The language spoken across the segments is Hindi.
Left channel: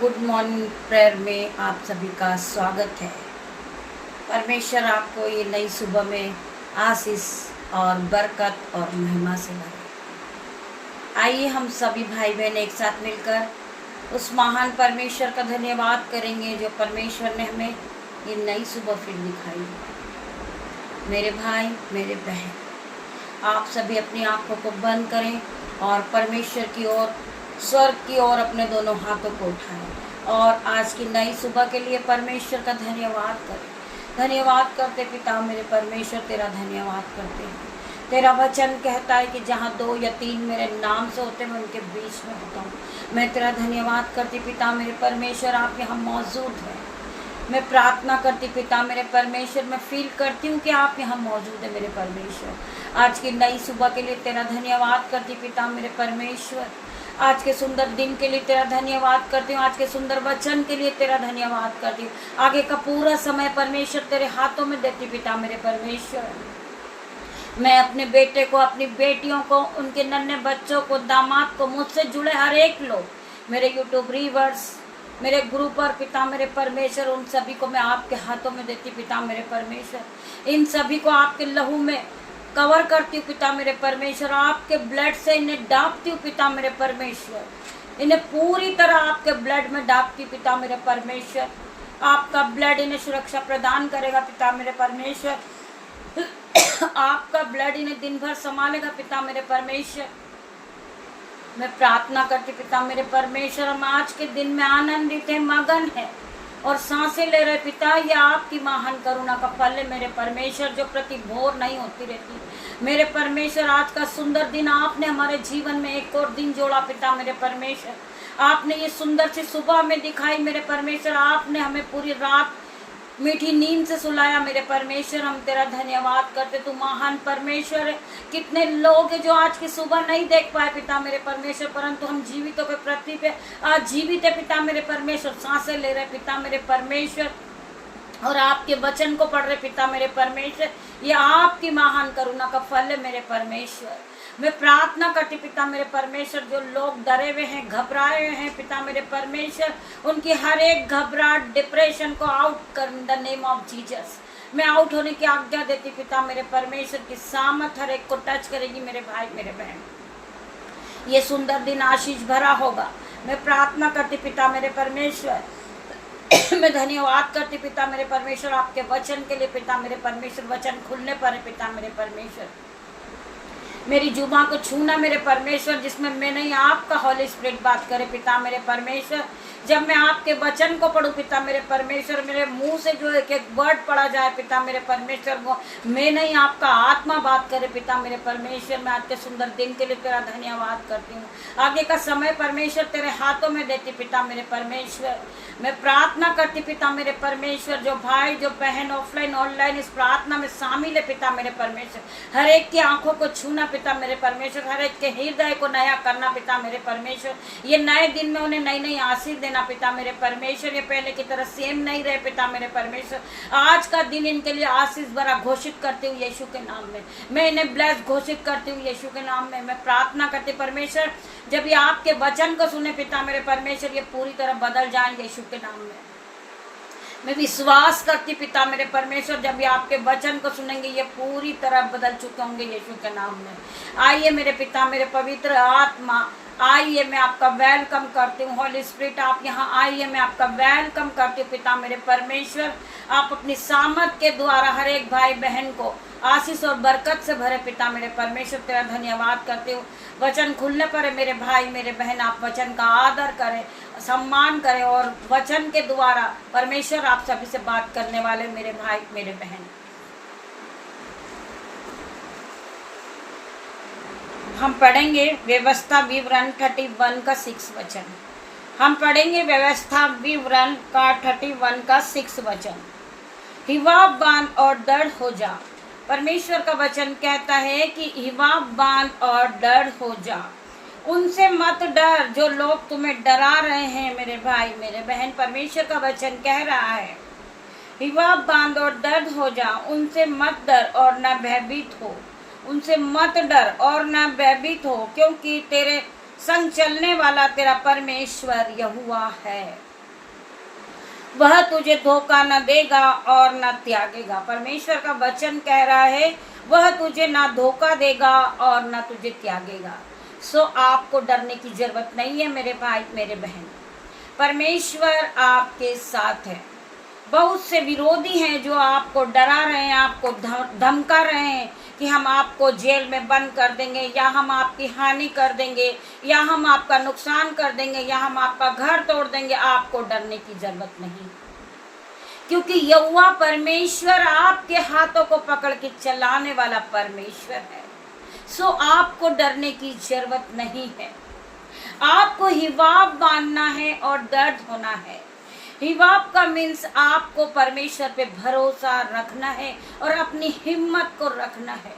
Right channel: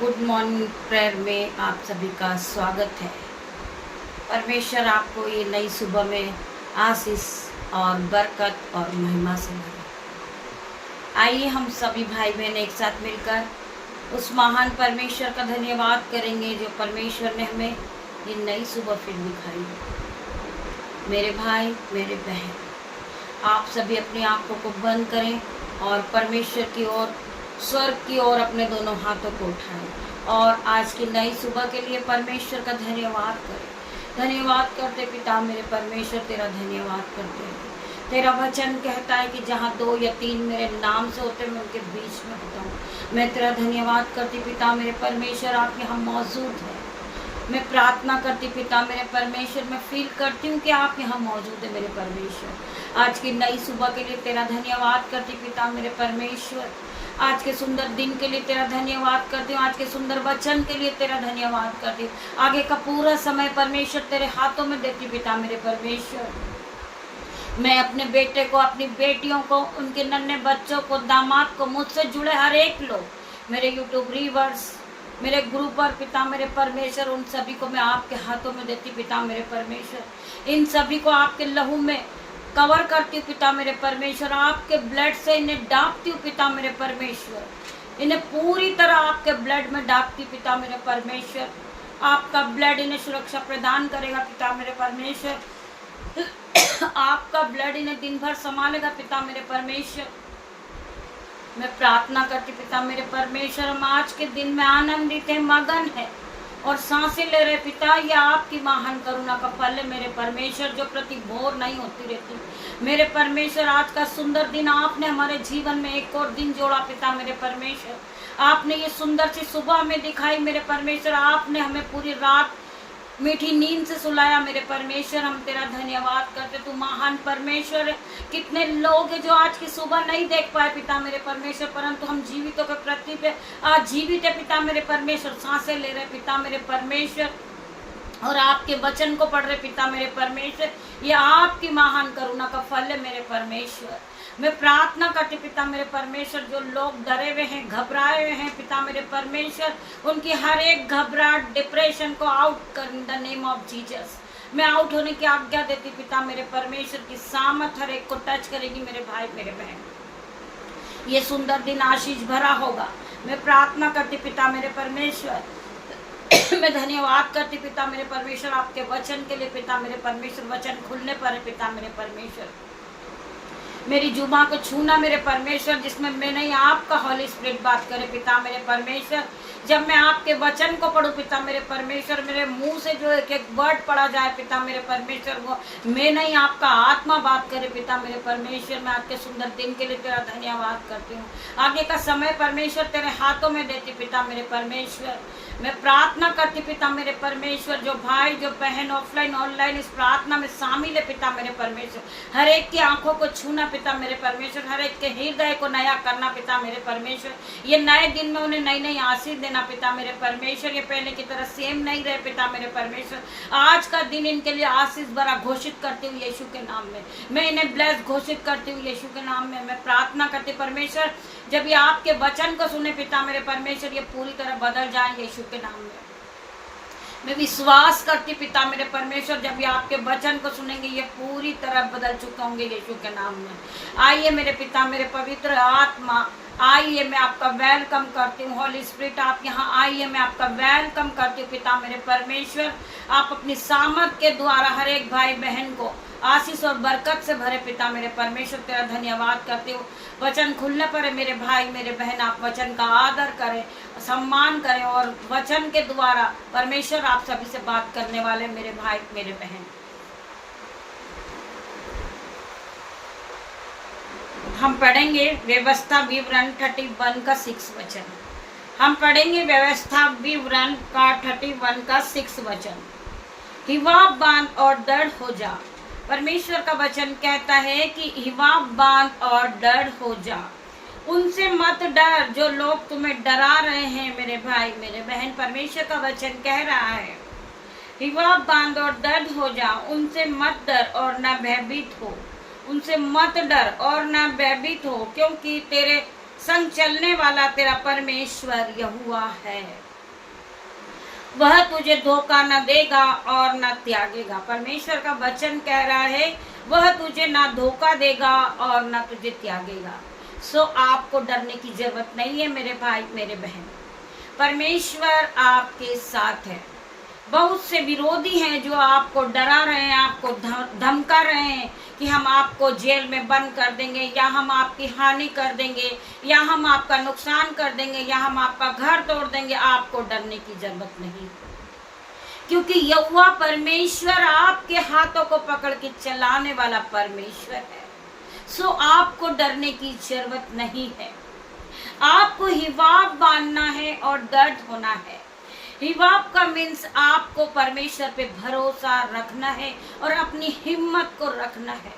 गुड मॉर्निंग प्रेयर में आप सभी का स्वागत है। परमेश्वर आपको ये नई सुबह में आशीष और बरकत और महिमा से भरे। आइए हम सभी भाई बहन एक साथ मिलकर उस महान परमेश्वर का धन्यवाद करेंगे जो परमेश्वर ने हमें ये नई सुबह फिर दिखाई। मेरे भाई मेरे बहन, आप सभी अपनी आंखों को बंद करें और परमेश्वर की ओर, स्वर्ग की ओर अपने दोनों हाथों को उठाएं और आज की नई सुबह के लिए परमेश्वर का धन्यवाद करें। धन्यवाद करते पिता मेरे परमेश्वर, तेरा धन्यवाद करते हैं। तेरा वचन कहता है कि जहाँ 2 या 3 मेरे नाम से होते मैं उनके बीच में होता हूँ। मैं तेरा धन्यवाद करती पिता मेरे परमेश्वर, आप यहाँ मौजूद हैं। मैं प्रार्थना करती पिता मेरे परमेश्वर, मैं फील करती हूँ कि आप यहाँ मौजूद है मेरे परमेश्वर। आज की नई सुबह के लिए तेरा धन्यवाद करती पिता मेरे परमेश्वर। आज के सुंदर दिन के लिए तेरा धन्यवाद करती हूँ। आज के सुंदर वचन के लिए तेरा धन्यवाद करती हूँ। आगे का पूरा समय परमेश्वर तेरे हाथों में देती पिता मेरे परमेश्वर। मैं अपने बेटे को, अपनी बेटियों को, उनके नन्हे बच्चों को, दामाद को, मुझसे जुड़े हर एक लोग, मेरे यूट्यूब व्यूअर्स, मेरे गुरु पर पिता मेरे परमेश्वर, उन सभी को मैं आपके हाथों में देती पिता मेरे परमेश्वर। इन सभी को आपके लहू में कवर करती हूँ पिता मेरे परमेश्वर। आपके ब्लड से इन्हें डांपती हूँ पिता मेरे परमेश्वर। इन्हें पूरी तरह आपके ब्लड में डांपती हूँ पिता मेरे परमेश्वर। आपका ब्लड इन्हें सुरक्षा प्रदान करेगा पिता मेरे परमेश्वर। आपका ब्लड इन्हें दिन भर संभालेगा पिता मेरे परमेश्वर। मैं प्रार्थना करती पिता मेरे परमेश्वर, हम आज के दिन में आनंदित है, मगन है और सांसें ले रहे पिता। ये आपकी महान करुणा का फल है मेरे परमेश्वर, जो प्रति भोर नहीं होती रहती। मेरे परमेश्वर, आज का सुंदर दिन आपने हमारे जीवन में एक और दिन जोड़ा पिता मेरे परमेश्वर। आपने ये सुंदर सी सुबह में दिखाई मेरे परमेश्वर। आपने हमें पूरी रात मीठी नींद से सुलाया मेरे परमेश्वर। हम तेरा धन्यवाद करते, तू महान परमेश्वर है। कितने लोग हैं जो आज की सुबह नहीं देख पाए पिता मेरे परमेश्वर, परंतु हम जीवितों के प्रतीक है, आज जीवित है पिता मेरे परमेश्वर। सांसें ले रहे पिता मेरे परमेश्वर और आपके वचन को पढ़ रहे पिता मेरे परमेश्वर। ये आपकी महान करुणा का फल है मेरे परमेश्वर। मैं प्रार्थना करती पिता मेरे परमेश्वर, जो लोग डरे हुए हैं, घबराए हुए हैं पिता मेरे परमेश्वर, उनकी हर एक घबराहट, डिप्रेशन को आउट कर in the name of Jesus. मैं आउट होने की आज्ञा देती पिता मेरे परमेश्वर की सामर्थ हर एक को टच करेगी मेरे भाई मेरे बहन। ये सुंदर दिन आशीष भरा होगा। मैं प्रार्थना करती पिता मेरे परमेश्वर। मैं धन्यवाद करती पिता मेरे परमेश्वर आपके वचन के लिए पिता मेरे परमेश्वर। वचन खुलने पर है पिता मेरे परमेश्वर। मेरी जुबान को छूना मेरे परमेश्वर, जिसमें मैं नहीं आपका हॉली स्पिरिट बात करे पिता मेरे परमेश्वर। जब मैं आपके वचन को पढ़ूं पिता मेरे परमेश्वर, मेरे मुंह से जो एक एक वर्ड पढ़ा जाए पिता मेरे परमेश्वर, वो मैं नहीं आपका आत्मा बात करे पिता मेरे परमेश्वर। मैं आज के सुंदर दिन के लिए तेरा धन्यवाद करती हूँ। आगे का समय परमेश्वर तेरे हाथों में देती पिता मेरे परमेश्वर। मैं प्रार्थना करती पिता मेरे परमेश्वर, जो भाई जो बहन ऑफलाइन ऑनलाइन इस प्रार्थना में शामिल है पिता मेरे परमेश्वर, हर एक की आंखों को छूना पिता मेरे परमेश्वर, हर एक के हृदय को नया करना पिता मेरे परमेश्वर। ये नए दिन में उन्हें नई नई आशीष देना पिता मेरे परमेश्वर। ये पहले की तरह सेम नहीं रहे पिता मेरे परमेश्वर। आज का दिन इनके लिए आशीष भरा घोषित करती हूँ यीशु के नाम में। मैं इन्हें ब्लेस घोषित करती हूँ यीशु के नाम में। मैं प्रार्थना करती परमेश्वर, जब ये आपके वचन को सुने पिता मेरे परमेश्वर, ये पूरी तरह बदल जाएंगे यीशु के नाम में। मैं विश्वास करती पिता मेरे परमेश्वर, जब ये आपके वचन को सुनेंगे ये पूरी तरह बदल चुके होंगे यीशु के नाम में। आइए मेरे पिता मेरे पवित्र आत्मा, आइए मैं आपका वेलकम करती हूँ। हॉली स्पिरिट आप यहाँ आइए, मैं आपका वेलकम करती हूँ पिता मेरे परमेश्वर। आप अपनी सामर्थ के द्वारा हर एक भाई बहन को आशीष और बरकत से भरे पिता मेरे परमेश्वर। तेरा धन्यवाद करती हूँ। वचन खुलने पर है मेरे भाई मेरे बहन, आप वचन का आदर करें, सम्मान करें और वचन के द्वारा परमेश्वर आप सभी से बात करने वाले मेरे भाई मेरे बहन। हम पढ़ेंगे व्यवस्था विवरण 31 का 6 वचन। हम पढ़ेंगे व्यवस्था विवरण का 31 का 6 वचन। हिवाब बांध और दृढ़ हो जा। परमेश्वर का वचन कहता है कि हिवाब बांध और दृढ़ हो जा। उनसे मत डर जो लोग तुम्हें डरा रहे हैं मेरे भाई मेरे बहन। परमेश्वर का वचन कह रहा है हिवाब बांध और दृढ़ हो जा। उनसे मत डर और न भयभीत हो। उनसे मत डर और न भयभीत हो, क्योंकि तेरे संग चलने वाला तेरा परमेश्वर यहोवा है। वह तुझे धोखा न देगा और न त्यागेगा। परमेश्वर का वचन कह रहा है वह तुझे ना धोखा देगा और ना तुझे त्यागेगा। सो आपको डरने की जरूरत नहीं है मेरे भाई मेरे बहन, परमेश्वर आपके साथ है। बहुत से विरोधी हैं जो आपको डरा रहे हैं, आपको धमका रहे हैं कि हम आपको जेल में बंद कर देंगे, या हम आपकी हानि कर देंगे, या हम आपका नुकसान कर देंगे, या हम आपका घर तोड़ देंगे। आपको डरने की जरूरत नहीं, क्योंकि यहोवा परमेश्वर आपके हाथों को पकड़ के चलाने वाला परमेश्वर है। सो आपको डरने की जरूरत नहीं है। आपको हिवाब बांधना है और दर्द होना है। हिवाब का मीन्स आपको परमेश्वर पे भरोसा रखना है और अपनी हिम्मत को रखना है।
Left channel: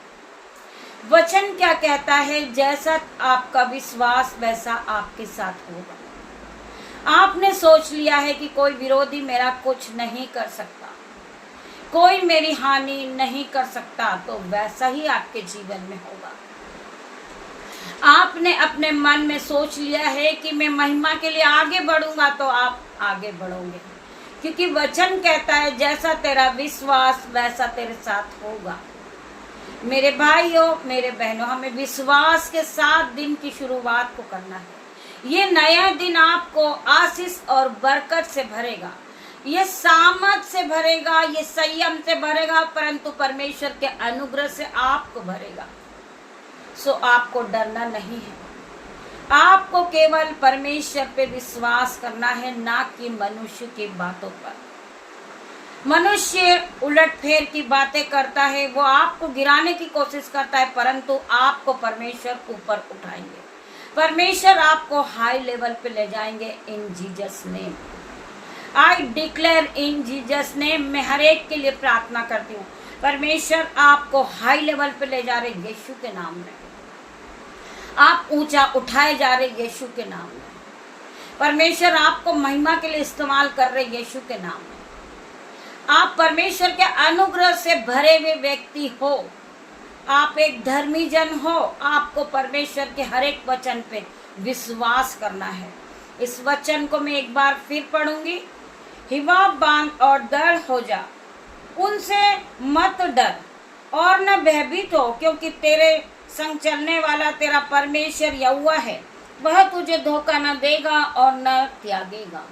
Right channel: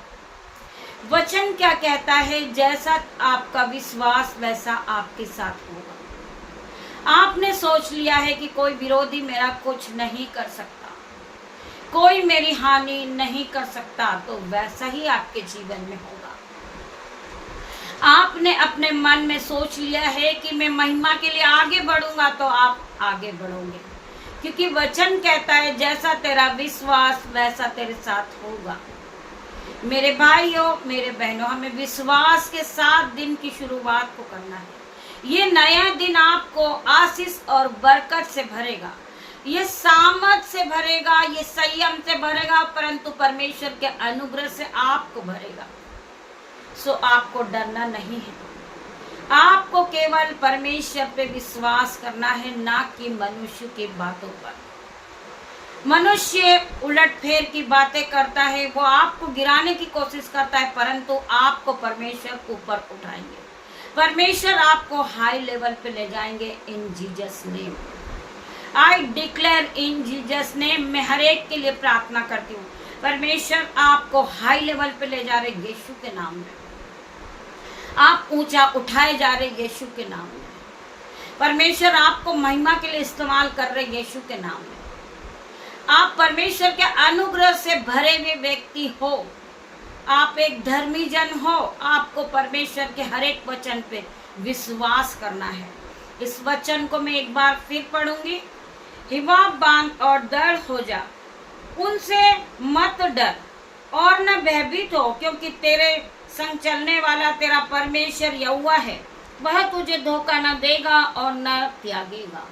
वचन क्या कहता है? जैसा आपका विश्वास वैसा आपके साथ होगा। आपने सोच लिया है कि कोई विरोधी मेरा कुछ नहीं कर सकता, कोई मेरी हानि नहीं कर सकता, तो वैसा ही आपके जीवन में होगा। आपने अपने मन में सोच लिया है कि मैं महिमा के लिए आगे बढ़ूंगा, तो आप आगे बढ़ोगे, क्योंकि वचन कहता है जैसा तेरा विश्वास वैसा तेरे साथ होगा। मेरे भाइयों मेरे बहनों, हमें विश्वास के साथ दिन की शुरुआत को करना है। ये नया दिन आपको आशीष और बरकत से भरेगा, ये सामर्थ से भरेगा, ये संयम से भरेगा, परंतु परमेश्वर के अनुग्रह से आपको भरेगा। सो आपको डरना नहीं है। आपको केवल परमेश्वर पे विश्वास करना है, ना कि मनुष्य की बातों पर। मनुष्य उलटफेर की बातें करता है, वो आपको गिराने की कोशिश करता है, परंतु आपको परमेश्वर ऊपर उठाएंगे। परमेश्वर आपको हाई लेवल पे ले जाएंगे इन Jesus name. I declare in Jesus name. मैं हर एक के लिए प्रार्थना करती हूँ, परमेश्वर आपको हाई लेवल पे ले जा रहे यीशु के नाम में। आप ऊंचा उठाए जा रहे यीशु के नाम में। परमेश्वर आपको महिमा के लिए इस्तेमाल कर रहे यीशु के नाम में। आप परमेश्वर के अनुग्रह से भरे हुए व्यक्ति हो, आप एक धर्मी जन हो। आपको परमेश्वर के हर एक वचन पे विश्वास करना है। इस वचन को मैं एक बार फिर पढ़ूंगी। हिवाब बांध और दृढ़ हो जा, उनसे मत डर और न भयभीत हो, क्योंकि तेरे संग चलने वाला तेरा परमेश्वर यहोवा है। वह तुझे धोखा न देगा और न त्यागेगा।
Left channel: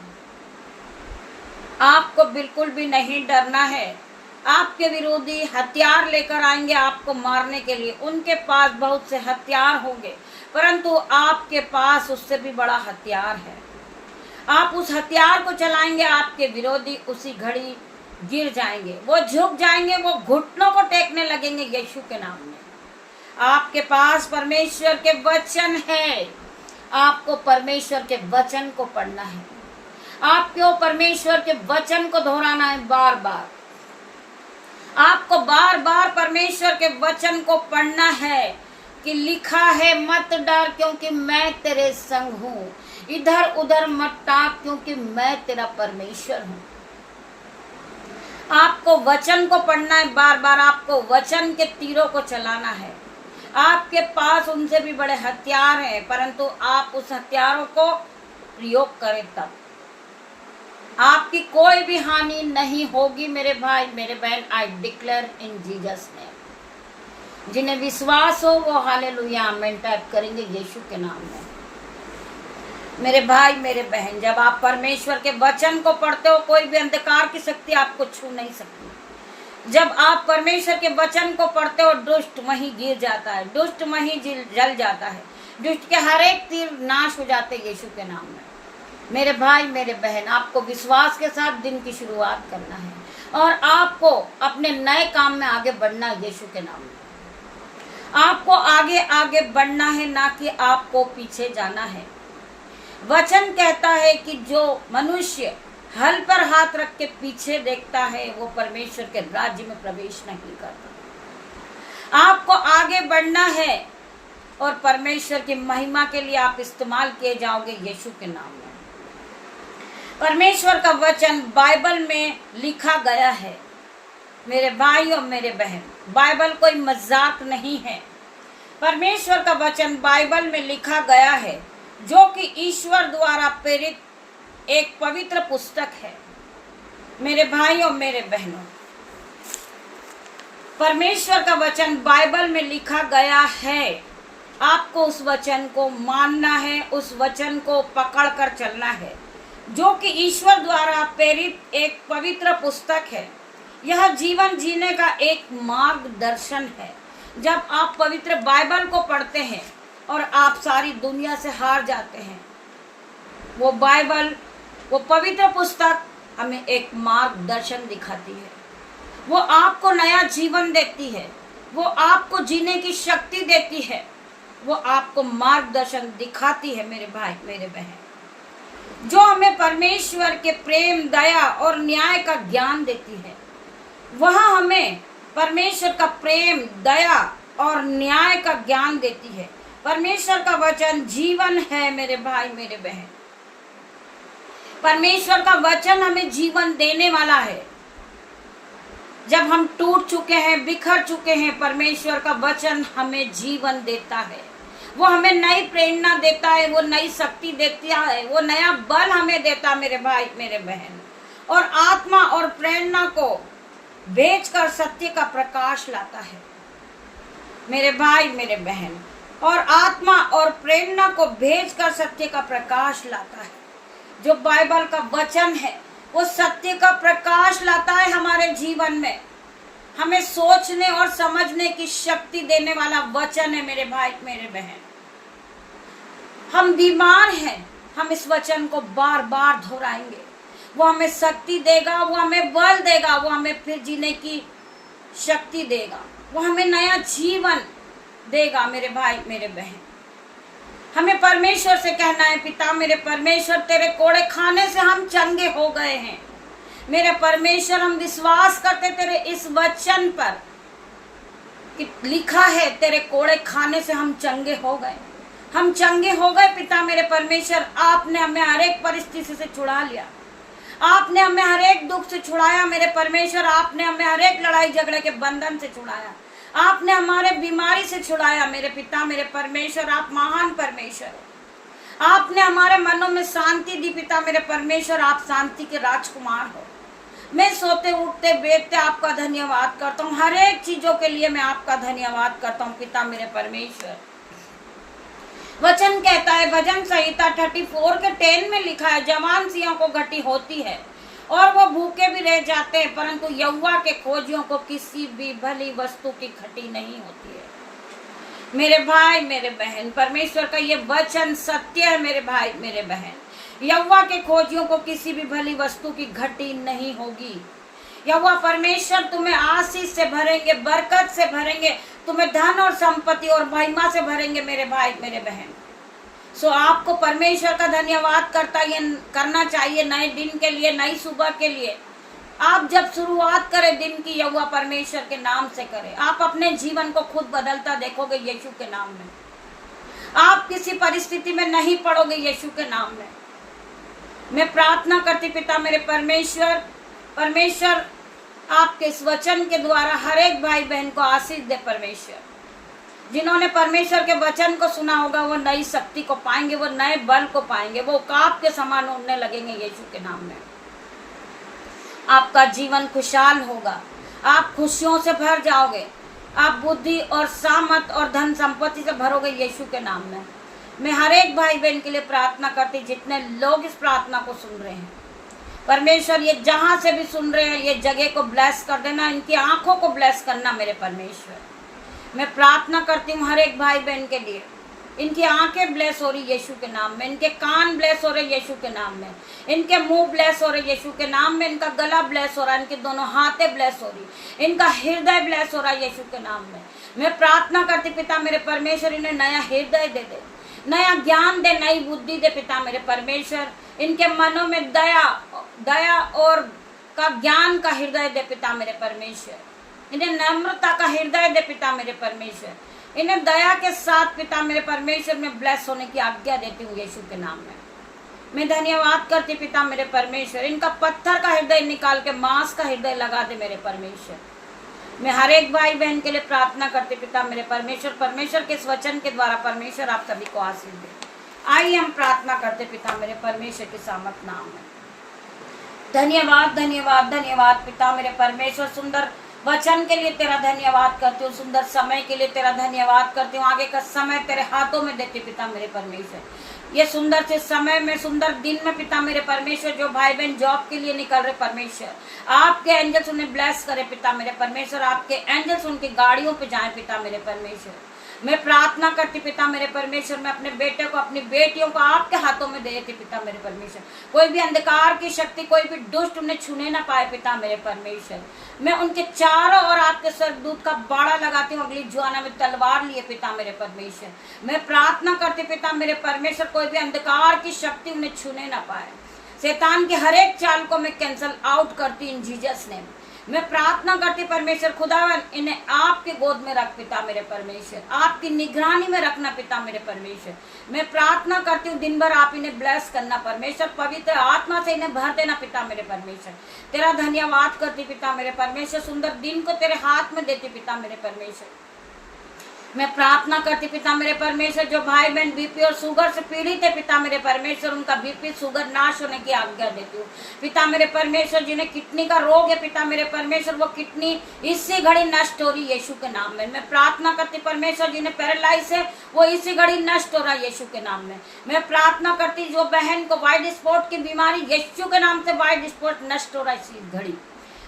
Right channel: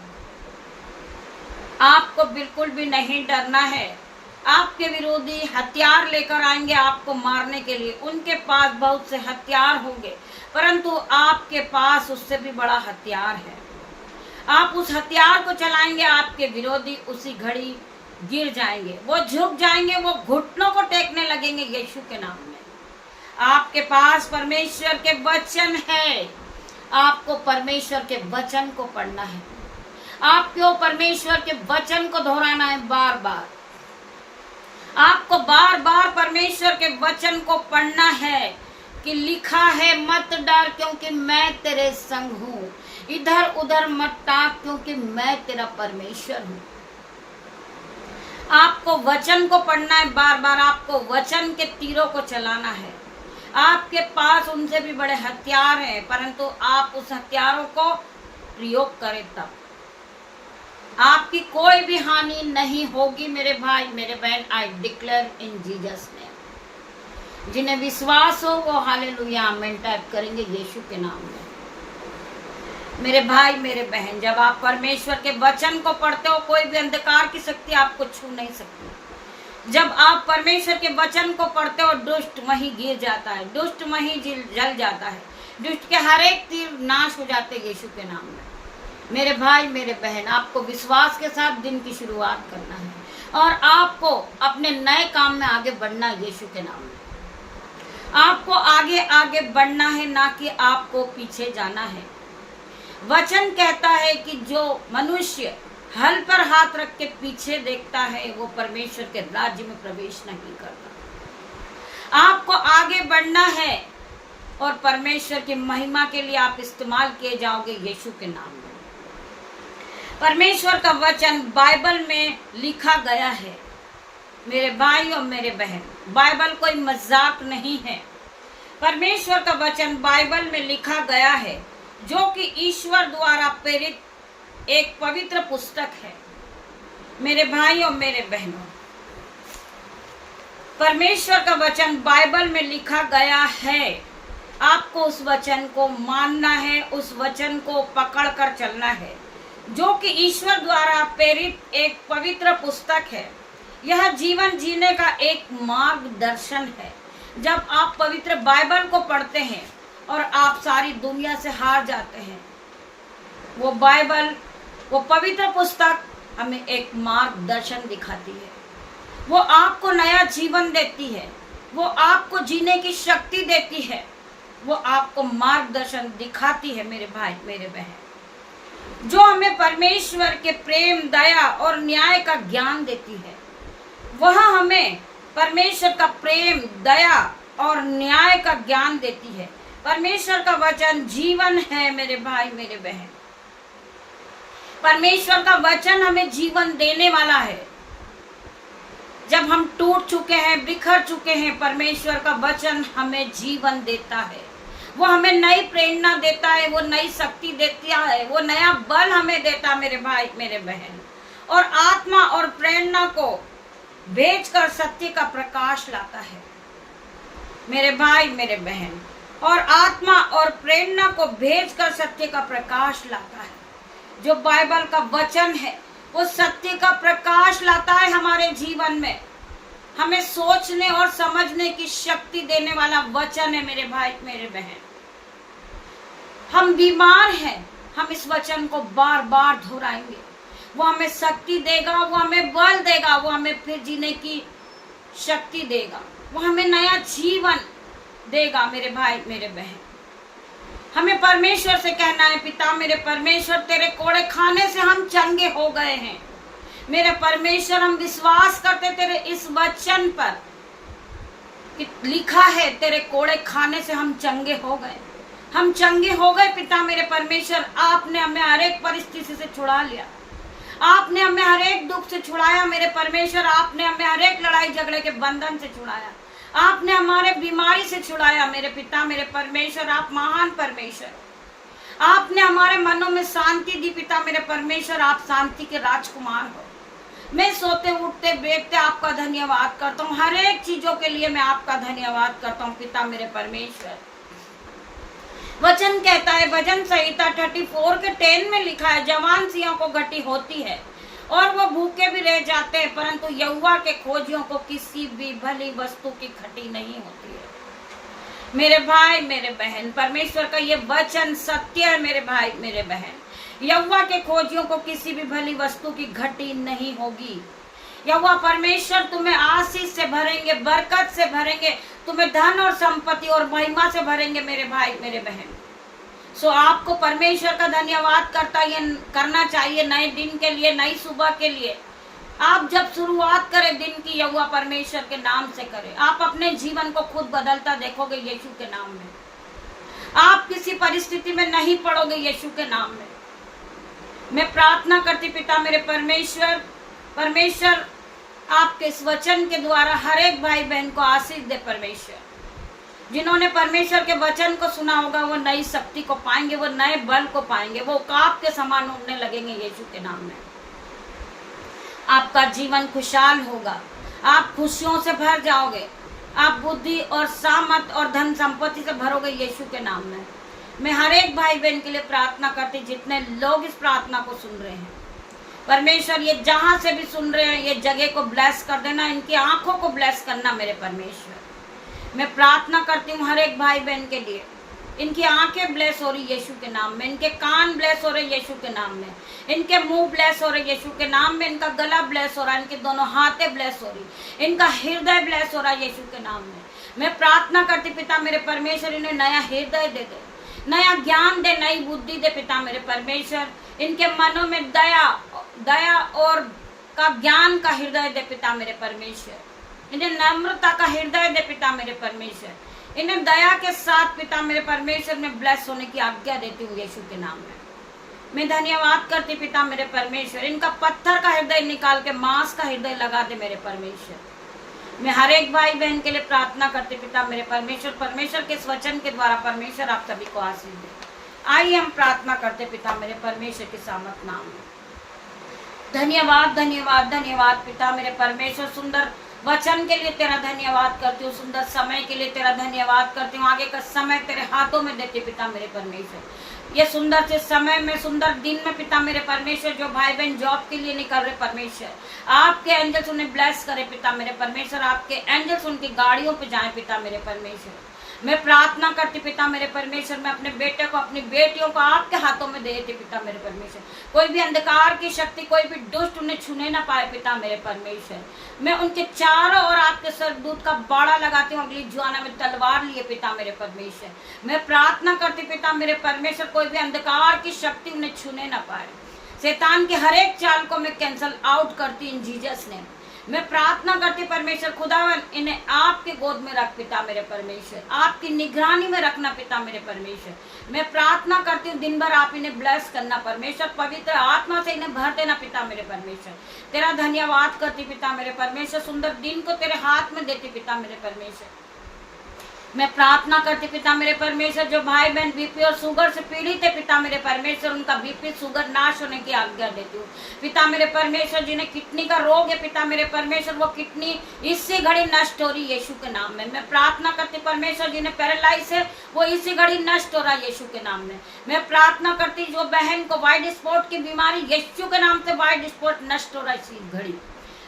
आपको बिल्कुल भी नहीं डरना है। आपके विरोधी हथियार लेकर आएंगे आपको मारने के लिए। उनके पास बहुत से हथियार होंगे, परंतु आपके पास उससे भी बड़ा हथियार है। आप उस हथियार को चलाएंगे, आपके विरोधी उसी घड़ी गिर जाएंगे, वो झुक जाएंगे, वो घुटनों को टेकने लगेंगे यीशु के नाम में। आपके पास परमेश्वर के वचन है। आपको परमेश्वर के वचन को पढ़ना है। आपको परमेश्वर के वचन को दोहराना है बार बार। आपको बार बार परमेश्वर के वचन को पढ़ना है कि लिखा है मत डर, क्योंकि मैं तेरे संग हूँ। इधर उधर मत ताक, क्योंकि मैं तेरा परमेश्वर हूँ। आपको वचन को पढ़ना है बार बार। आपको वचन के तीरों को चलाना है। आपके पास उनसे भी बड़े हथियार हैं, परंतु आप उस हथियारों को प्रयोग करें, तब आपकी कोई भी हानि नहीं होगी मेरे भाई मेरे बहन। I declare in Jesus name. जिन्हें विश्वास हो वो हालेलुया आमीन टाइप करेंगे यीशु के नाम में। मेरे भाई मेरे बहन, जब आप परमेश्वर के वचन को पढ़ते हो, कोई भी अंधकार की शक्ति आपको छू नहीं सकती। जब आप परमेश्वर के वचन को पढ़ते हो, दुष्ट वहीं गिर जाता है, दुष्ट वहीं जल जाता है, दुष्ट के हर एक तीर नाश हो जाते हैं यीशु के नाम में। मेरे भाई मेरे बहन, आपको विश्वास के साथ दिन की शुरुआत करना है और आपको अपने नए काम में आगे बढ़ना है यीशु के नाम में। आपको आगे आगे बढ़ना है, ना कि आपको पीछे जाना है। वचन कहता है कि जो मनुष्य हल पर हाथ रख के पीछे देखता है, वो परमेश्वर के राज्य में प्रवेश नहीं करता। आपको आगे बढ़ना है और परमेश्वर की महिमा के लिए आप इस्तेमाल किए जाओगे यीशु के नाम में। परमेश्वर का वचन बाइबल में लिखा गया है मेरे भाई और मेरे बहन। बाइबल कोई मजाक नहीं है। परमेश्वर का वचन बाइबल में लिखा गया है। जो कि ईश्वर द्वारा प्रेरित एक पवित्र पुस्तक है। मेरे भाइयों, मेरे बहनों, परमेश्वर का वचन बाइबल में लिखा गया है। आपको उस वचन को मानना है, उस वचन को पकड़ कर चलना है, जो कि ईश्वर द्वारा प्रेरित एक पवित्र पुस्तक है। यह जीवन जीने का एक मार्गदर्शन है। जब आप पवित्र बाइबल को पढ़ते हैं और आप सारी दुनिया से हार जाते हैं, वो बाइबल, वो पवित्र पुस्तक हमें एक मार्गदर्शन दिखाती है। वो आपको नया जीवन देती है, वो आपको जीने की शक्ति देती है, वो आपको मार्गदर्शन दिखाती है। मेरे भाई, मेरे बहन, जो हमें परमेश्वर के प्रेम, दया और न्याय का ज्ञान देती है। वह हमें परमेश्वर का प्रेम, दया और न्याय का ज्ञान देती है। परमेश्वर का वचन जीवन है। मेरे भाई, मेरे बहन, परमेश्वर का वचन हमें जीवन देने वाला है। जब हम टूट चुके हैं, बिखर चुके हैं, परमेश्वर का वचन हमें जीवन देता है। वो हमें नई प्रेरणा देता है, वो नई शक्ति देता है, वो नया बल हमें देता है। मेरे भाई, मेरे बहन, और आत्मा और प्रेरणा को भेजकर सत्य का प्रकाश लाता है। मेरे भाई, मेरे बहन, और आत्मा और प्रेरणा को भेजकर सत्य का प्रकाश लाता है। जो बाइबल का वचन है वो सत्य का प्रकाश लाता है हमारे जीवन में। हमें सोचने और समझने की शक्ति देने वाला वचन है। मेरे भाई, मेरे बहन, हम बीमार हैं, हम इस वचन को बार बार दोहराएंगे। वो हमें शक्ति देगा, वो हमें बल देगा, वो हमें फिर जीने की शक्ति देगा, वो हमें नया जीवन देगा। मेरे भाई, मेरे बहन, हमें परमेश्वर से कहना है, पिता मेरे परमेश्वर, तेरे कोड़े खाने से हम चंगे हो गए हैं। मेरे परमेश्वर, हम विश्वास करते तेरे इस वचन पर कि लिखा है, तेरे कोड़े खाने से हम चंगे हो गए। हम चंगे हो गए पिता मेरे परमेश्वर। आपने हमें हर एक परिस्थिति से छुड़ा लिया, आपने हमें हर एक दुख से छुड़ाया। मेरे परमेश्वर, आपने हमें हर एक लड़ाई झगड़े के बंधन से छुड़ाया, आपने हमारे बीमारी से छुड़ाया। मेरे पिता मेरे परमेश्वर, आप महान परमेश्वर हो। आपने हमारे मनों में शांति दी पिता मेरे परमेश्वर, आप शांति के राजकुमार हो। मैं सोते उठते बैठते आपका धन्यवाद करता हूँ। हर एक चीजों के लिए मैं आपका धन्यवाद करता हूँ पिता मेरे परमेश्वर। वचन कहता है, भजन संहिता 34 के 10 में लिखा है, जवान सिंहों को घटी होती है और वो भूखे भी रह जाते हैं, परंतु यहोवा के खोजियों को किसी भी भली वस्तु की घटी नहीं होती है। मेरे भाई, मेरे बहन, परमेश्वर का ये वचन सत्य है। मेरे भाई, मेरे बहन, यहोवा के खोजियों को किसी भी भली वस्तु की घटी नहीं होगी। यहोवा परमेश्वर तुम्हें आशीष से भरेंगे, बरकत से भरेंगे, तुम्हें धन और संपत्ति और महिमा से भरेंगे। मेरे भाई, मेरे बहन, सो आपको परमेश्वर का धन्यवाद करना चाहिए नए दिन के लिए, नई सुबह के लिए। आप जब शुरुआत करें दिन की, यहोवा परमेश्वर के नाम से करें। आप अपने जीवन को खुद बदलता देखोगे यीशु के नाम में। आप किसी परिस्थिति में नहीं पड़ोगे यीशु के नाम में। मैं प्रार्थना करती पिता मेरे परमेश्वर, परमेश्वर आपके इस वचन के द्वारा हर एक भाई बहन को आशीष दे। परमेश्वर, जिन्होंने परमेश्वर के वचन को सुना होगा वो नई शक्ति को पाएंगे, वो नए बल को पाएंगे, वो काप के समान उड़ने लगेंगे यीशु के नाम में। आपका जीवन खुशहाल होगा, आप खुशियों से भर जाओगे, आप बुद्धि और सामर्थ और धन संपत्ति से भरोगे यीशु के नाम में। मैं हर एक भाई बहन के लिए प्रार्थना करती, जितने लोग इस प्रार्थना को सुन रहे हैं, परमेश्वर ये जहां से भी सुन रहे हैं, ये जगह को ब्लेस कर देना, इनकी आंखों को ब्लेस करना। मेरे परमेश्वर, मैं प्रार्थना करती हूँ हर एक भाई बहन के लिए, इनकी आंखें ब्लेस हो रही यीशु के नाम में, इनके कान ब्लेस हो रहे यीशु के नाम में, इनके मुंह ब्लेस हो रहे यीशु के नाम में, इनका गला ब्लेस हो रहा है, इनके दोनों हाथें ब्लेस हो रही, इनका हृदय ब्लेस हो रहा है यीशु के नाम में। मैं प्रार्थना करती पिता मेरे परमेश्वर, इन्हें नया हृदय दे दे, नया ज्ञान दे, नई बुद्धि दे पिता मेरे परमेश्वर। इनके मनों में दया और का ज्ञान का हृदय दे पिता मेरे परमेश्वर। इन्हें नम्रता का हृदय दे पिता मेरे परमेश्वर। इन्हें दया के साथ पिता मेरे परमेश्वर में ब्लेस होने की आज्ञा देती हूँ यीशु के नाम में। मैं धन्यवाद करती पिता मेरे परमेश्वर, इनका पत्थर का हृदय निकाल के मांस का हृदय लगा दे मेरे परमेश्वर। मैं हर एक भाई बहन के लिए प्रार्थना करती पिता मेरे परमेश्वर, परमेश्वर के इस वचन के द्वारा परमेश्वर आप सभी को आशीष दे। आइए हम प्रार्थना करते पिता मेरे परमेश्वर के सामर्थ नाम में। धन्यवाद धन्यवाद धन्यवाद पिता मेरे परमेश्वर, सुंदर वचन के लिए तेरा धन्यवाद करती हूँ, सुंदर समय के लिए तेरा धन्यवाद करती हूँ। आगे का समय तेरे हाथों में देते पिता मेरे परमेश्वर, ये सुंदर से समय में, सुंदर दिन में पिता मेरे परमेश्वर, जो भाई बहन जॉब के लिए निकल रहे परमेश्वर, आपके एंजल्स उन्हें ब्लेस करे पिता मेरे परमेश्वर, आपके एंजल्स उनकी गाड़ियों पे जाए पिता मेरे परमेश्वर। मैं प्रार्थना करती पिता मेरे परमेश्वर, मैं अपने बेटे को, अपनी बेटियों को आपके हाथों में देती पिता मेरे परमेश्वर। कोई भी अंधकार की शक्ति, कोई भी दुष्ट उन्हें छूने ना पाए पिता मेरे परमेश्वर। मैं उनके चारों ओर आपके स्वर्गदूत का बाड़ा लगाती हूँ, अगली जुआना में तलवार लिए पिता मेरे परमेश्वर। मैं प्रार्थना करती पिता मेरे परमेश्वर, कोई भी अंधकार की शक्ति उन्हें छूने ना पाए। शैतान की हर एक चाल को मैं कैंसल आउट करती इन जीसस नेम। मैं प्रार्थना करती परमेश्वर खुदावन, इन्हें आपके गोद में रख पिता मेरे परमेश्वर, आपकी निगरानी में रखना पिता मेरे परमेश्वर। मैं प्रार्थना करती हूँ दिन भर आप इन्हें ब्लेस करना परमेश्वर, पवित्र आत्मा से इन्हें भर देना पिता मेरे परमेश्वर। तेरा धन्यवाद करती पिता मेरे परमेश्वर, सुंदर दिन को तेरे हाथ में देती पिता मेरे परमेश्वर। मैं प्रार्थना करती पिता मेरे परमेश्वर, जो भाई बहन बीपी और शुगर से पीड़ित है पिता मेरे परमेश्वर, उनका बीपी शुगर नाश होने की आज्ञा देती हूँ पिता मेरे परमेश्वर। जिन्हें किडनी का रोग है पिता मेरे परमेश्वर, वो किडनी इसी घड़ी नष्ट हो रही यीशु के नाम में। मैं प्रार्थना करती परमेश्वर, जिन्हें पैरालाइज है वो इसी घड़ी नष्ट हो रहा है यीशु के नाम में। मैं प्रार्थना करती जो बहन को व्हाइट स्पॉट की बीमारी, यीशु के नाम से व्हाइट स्पॉट नष्ट हो रहा है इसी घड़ी।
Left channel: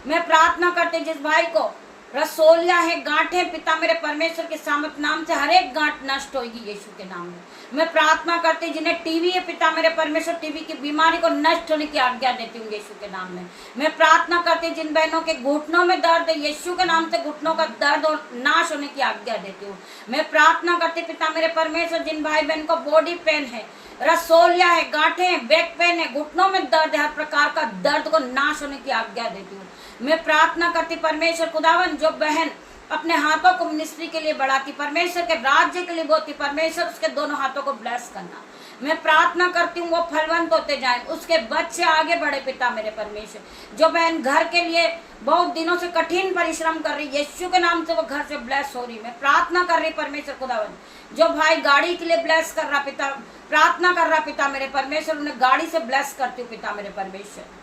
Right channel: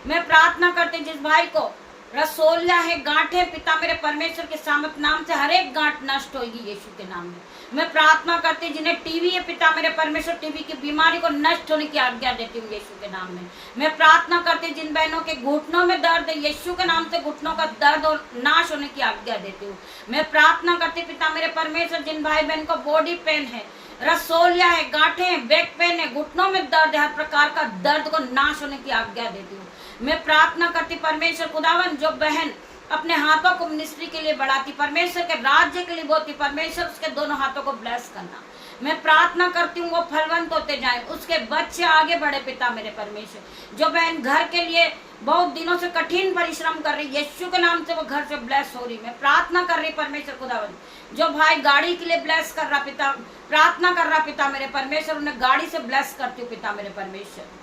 मैं प्रार्थना करती जिस भाई को रसोलिया है, गांठे पिता मेरे परमेश्वर के सामर्थ नाम से हर एक गांठ नष्ट होगी यीशु के नाम में। मैं प्रार्थना करती जिन्हें टीवी है पिता मेरे परमेश्वर, टीवी की बीमारी को नष्ट होने की आज्ञा देती हूँ यीशु के नाम में। मैं प्रार्थना करती जिन बहनों के घुटनों में दर्द है, यीशु के नाम से घुटनों का दर्द और नाश होने की आज्ञा देती हूँ। मैं प्रार्थना करती पिता मेरे परमेश्वर, जिन भाई बहन को बॉडी पेन है, रसोलिया है, गांठे हैं, बैक पेन है, घुटनों में दर्द है, हर प्रकार का दर्द को नाश होने की आज्ञा देती हूँ। मैं प्रार्थना करती परमेश्वर खुदावन, जो बहन अपने हाथों को मिनिस्ट्री के लिए बढ़ाती, परमेश्वर के राज्य के लिए बोती, परमेश्वर उसके दोनों हाथों को ब्लेस करना। मैं प्रार्थना करती हूँ वो फलवंत होते जाएं, उसके बच्चे आगे बढ़े पिता मेरे परमेश्वर। जो बहन घर के लिए बहुत दिनों से कठिन परिश्रम कर रही, यीशु के नाम से वो घर से ब्लेस हो रही। मैं प्रार्थना कर रही परमेश्वर खुदावन, जो भाई गाड़ी के लिए ब्लेस कर रहा पिता, प्रार्थना कर रहा पिता मेरे परमेश्वर, उन्हें गाड़ी से ब्लेस करती हूँ पिता मेरे परमेश्वर।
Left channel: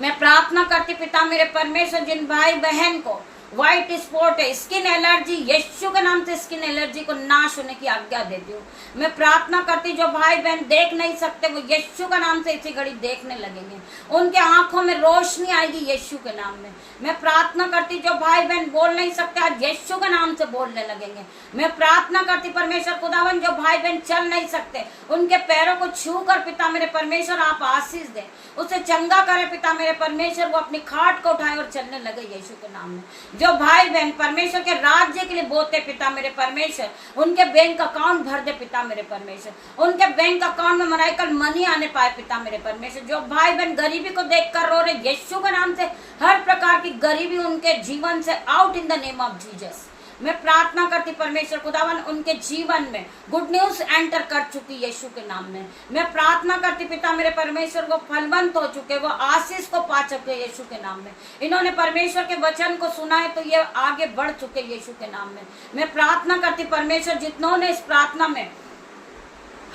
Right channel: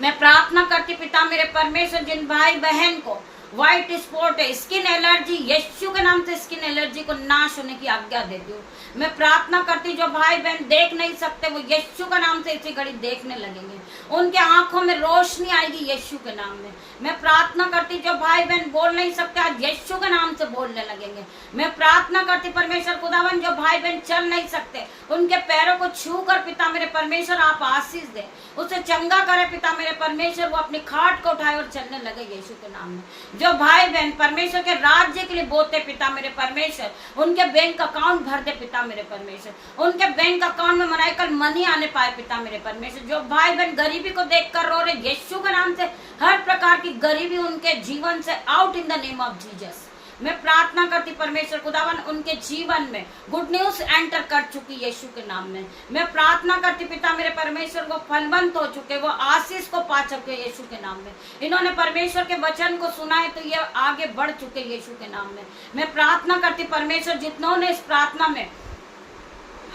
मैं प्रार्थना करती पिता मेरे परमेश्वर, जिन भाई बहन को व्हाइट स्पॉट है, स्किन एलर्जी, यीशु के नाम से स्किन एलर्जी को नाश होने की आज्ञा देती हूँ। मैं प्रार्थना करती जो भाई बहन देख नहीं सकते, वो यीशु के नाम से इसी घड़ी देखने लगेंगे, उनके आंखों में रोशनी आएगी यीशु के नाम में। मैं प्रार्थना करती जो भाई बहन बोल नहीं सकते, आज यीशु के नाम से बोलने लगेंगे। मैं प्रार्थना करती परमेश्वर खुदावन, जो भाई बहन चल नहीं सकते, उनके पैरों को छू कर पिता मेरे परमेश्वर आप आशीष दें, उसे चंगा करे पिता मेरे परमेश्वर, वो अपनी खाट को उठाए और चलने लगे यीशु के नाम में। जो भाई बहन परमेश्वर के राज्य के लिए बोलते पिता मेरे परमेश्वर, उनके बैंक अकाउंट भर दे पिता मेरे परमेश्वर, उनके बैंक अकाउंट में मराइकल मनी आने पाए पिता मेरे परमेश्वर। जो भाई बहन गरीबी को देखकर रो रहे, यीशु के नाम से हर प्रकार की गरीबी उनके जीवन से out in the name of Jesus. मैं प्रार्थना करती परमेश्वर खुदावन, उनके जीवन में गुड न्यूज एंटर कर चुकी यीशु के नाम में। मैं प्रार्थना करती पिता मेरे परमेश्वर, वो फलवंत हो चुके, वो आशीष को पा चुके यीशु के नाम में। इन्होंने परमेश्वर के वचन को सुना है तो ये आगे बढ़ चुके यीशु के नाम में। मैं प्रार्थना करती परमेश्वर, जिन्होंने इस प्रार्थना में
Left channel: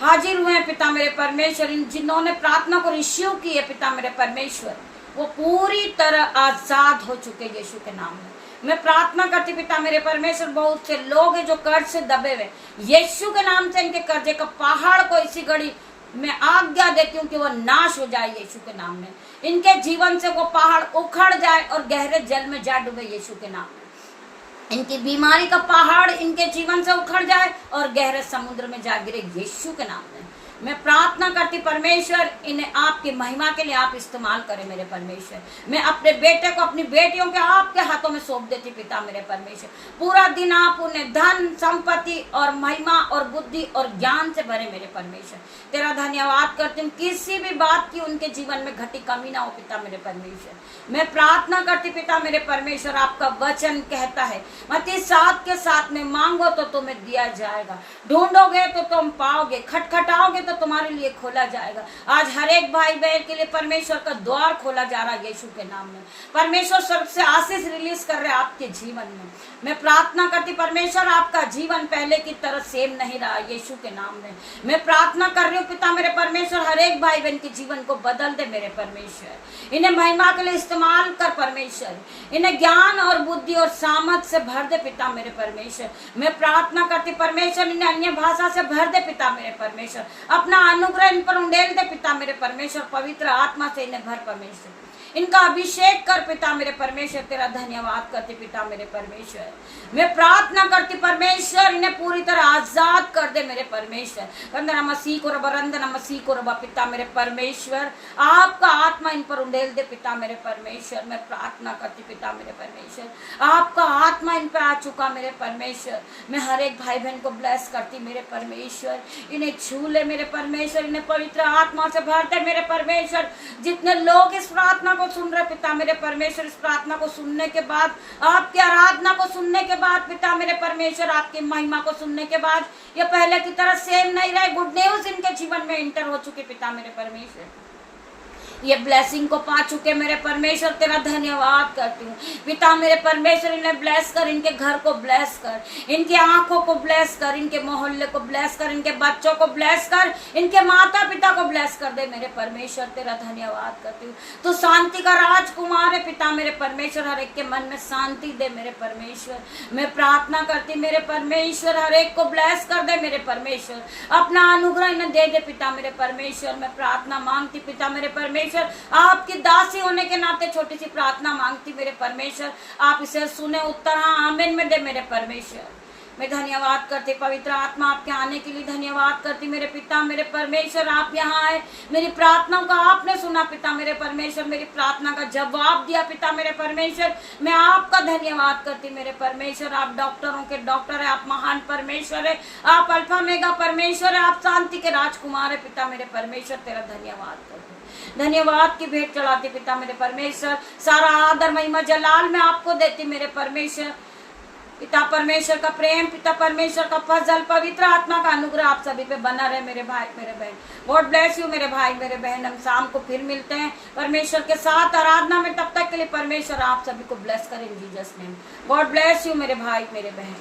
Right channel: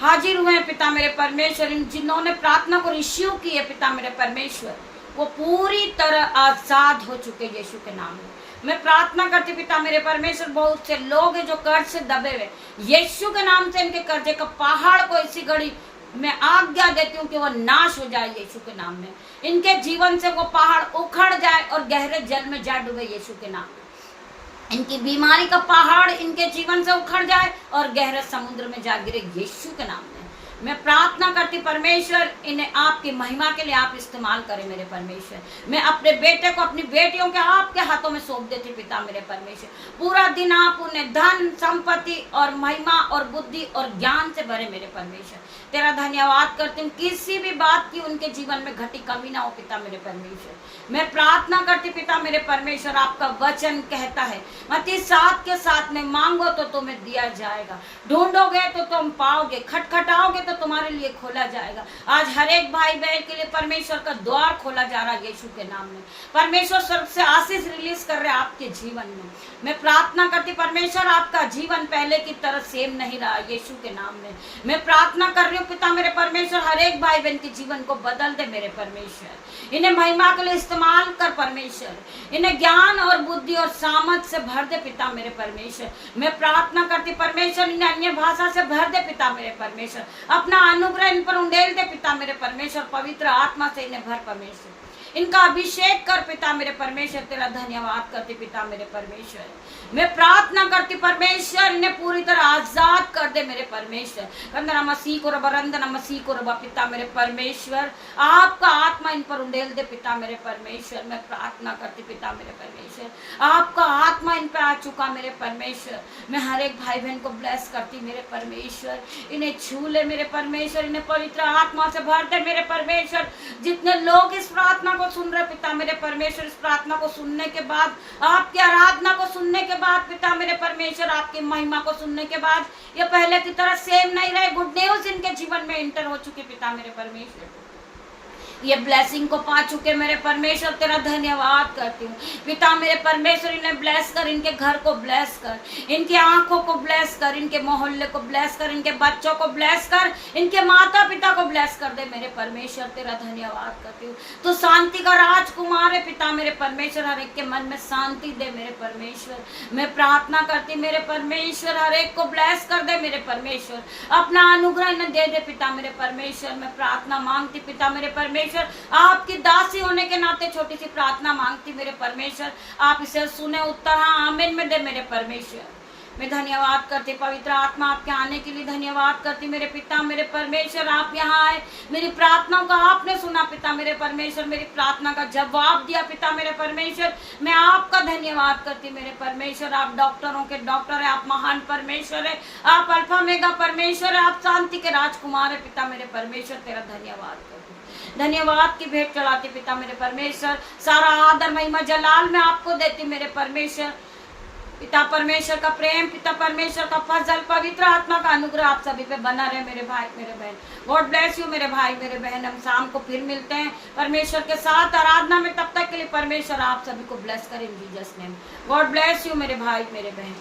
हाजिर हुए हैं पिता मेरे परमेश्वर, जिन्होंने प्रार्थना को रिसीव की है पिता मेरे परमेश्वर, वो पूरी तरह आजाद हो चुके यीशु के नाम में। मैं प्रार्थना करती पिता मेरे परमेश्वर, बहुत से लोग हैं जो कर्ज से दबे हुए, यीशु के नाम से इनके कर्जे का पहाड़ को इसी घड़ी मैं आज्ञा देती हूँ कि वो नाश हो जाए यीशु के नाम में। इनके जीवन से वो पहाड़ उखड़ जाए और गहरे जल में जा डूबे यीशु के नाम में। इनकी बीमारी का पहाड़ इनके जीवन से उखड़ जाए और गहरे समुद्र में जा गिरे यीशु के नाम में। मैं प्रार्थना करती परमेश्वर, इन्हें आपकी महिमा के लिए आप इस्तेमाल करें मेरे परमेश्वर। मैं अपने बेटे को, अपनी बेटियों के आपके हाथों में सौंप देती पिता मेरे परमेश्वर। पूरा दिन आप उन्हें धन संपत्ति और महिमा और बुद्धि और ज्ञान से भरे मेरे परमेश्वर। तेरा धन्यवाद करती हूँ, किसी भी बात की उनके जीवन में घटी कमी ना हो पिता मेरे परमेश्वर। मैं प्रार्थना करती पिता मेरे परमेश्वर, आपका वचन कहता है मत्ती 7:7 में, मांगो तो तुम्हें दिया जाएगा, ढूंढोगे तो तुम पाओगे, खटखटाओगे तो तुम्हारे लिए खोला खोला जाएगा। आज हर एक भाई बहन के लिए परमेश्वर का द्वार खोला जा रहा है यीशु के नाम में। परमेश्वर स्वर्ग से आशीष रिलीज कर रहे आपके जीवन में। मैं प्रार्थना करती परमेश्वर आपका जीवन पहले की तरह सेम नहीं रहा यीशु के नाम में। मैं प्रार्थना कर रही हूँ पिता मेरे परमेश्वर, हर एक भाई बहन के जीवन को बदल दे मेरे परमेश्वर। इन्हें महिमा के लिए इस्तेमाल कर परमेश्वर, इन्हें ज्ञान और बुद्धि और सामर्थ से भर दे पिता मेरे परमेश्वर। मैं प्रार्थना करती परमेश्वर, इन्हें अन्य भाषा से भर दे पिता मेरे परमेश्वर। अपना अनुग्रह इन पर उंडेल दे पिता मेरे परमेश्वर। पवित्र आत्मा से इन्हें भर परमेश्वर, इनका अभिषेक कर पिता मेरे परमेश्वर। तेरा धन्यवाद करती पिता मेरे परमेश्वर। मैं प्रार्थना करती परमेश्वर, इन्हें पूरी तरह आजाद कर दे मेरे परमेश्वर। कंदना मसीह को रबा, रंदना मसीह को रबा पिता मेरे परमेश्वर। आपका आत्मा इन पर उंडेल दे पिता मेरे परमेश्वर। मैं प्रार्थना करती पिता मेरे परमेश्वर, आपका आत्मा इन पर आ चुका मेरे परमेश्वर। मैं हर एक भाई बहन को ब्लेस करती मेरे परमेश्वर। इन्हें छू ले मेरे परमेश्वर, इन्हें पवित्र आत्मा से भर दे मेरे परमेश्वर। जितने लोग इस प्रार्थना को सुन रहे पिता मेरे परमेश्वर, इस प्रार्थना को सुनने के बाद, आपकी आराधना को सुनने के बाद पिता मेरे परमेश्वर, आपकी महिमा को सुनने के बाद ये पहले की तरह सेम नहीं रहे। गुड न्यूज इनके जीवन में इंटर हो चुकी पिता मेरे परमेश्वर। ये ब्लेसिंग को पा चुके मेरे परमेश्वर। तेरा धन्यवाद करती हूँ पिता मेरे परमेश्वर। इन्हें ब्लेस कर, इनके घर को ब्लेस कर, इनकी आंखों को ब्लेस कर, इनके मोहल्ले को ब्लेस कर, इनके बच्चों को ब्लेस कर, इनके माता पिता को ब्लेस कर दे मेरे परमेश्वर। तेरा धन्यवाद करती हूँ। तो शांति का राजकुमार है पिता मेरे परमेश्वर। हर एक के मन में शांति दे मेरे परमेश्वर। मैं प्रार्थना करती मेरे परमेश्वर, हर एक को ब्लेस कर दे मेरे परमेश्वर। अपना अनुग्रह इन्हें दे दे पिता मेरे परमेश्वर। मैं प्रार्थना मांगती पिता मेरे परमेश्वर, आपकी दासी होने के नाते छोटी सी प्रार्थना मांगती मेरे परमेश्वर। आप इसे सुने, उत्तर हाँ आमीन में दे मेरे परमेश्वर। मैं धन्यवाद करती पवित्र आत्मा, आपके आने के लिए धन्यवाद करती मेरे पिता मेरे परमेश्वर। आप यहाँ आए, मेरी प्रार्थनाओं का आपने सुना पिता मेरे परमेश्वर, मेरी प्रार्थना का जवाब दिया पिता मेरे परमेश्वर। मैं आपका धन्यवाद करती मेरे परमेश्वर। आप डॉक्टरों के डॉक्टर है, आप महान परमेश्वर है, आप अल्फा मेगा परमेश्वर है, आप शांति के राजकुमार है पिता मेरे परमेश्वर। तेरा धन्यवाद करती, धन्यवाद की भेंट चढ़ाती पिता मेरे परमेश्वर। सारा आदर महिमा जलाल मैं आपको देती मेरे परमेश्वर। पिता परमेश्वर का प्रेम, पिता परमेश्वर का फजल, पवित्र आत्मा का अनुग्रह आप सभी पे बना रहे मेरे भाई मेरे बहन। गॉड ब्लेस यू मेरे भाई मेरे बहन। हम शाम को फिर मिलते हैं परमेश्वर के साथ आराधना में। तब तक के लिए परमेश्वर आप सभी को ब्लेस करें इन Jesus name. God bless you मेरे भाई मेरे बहन।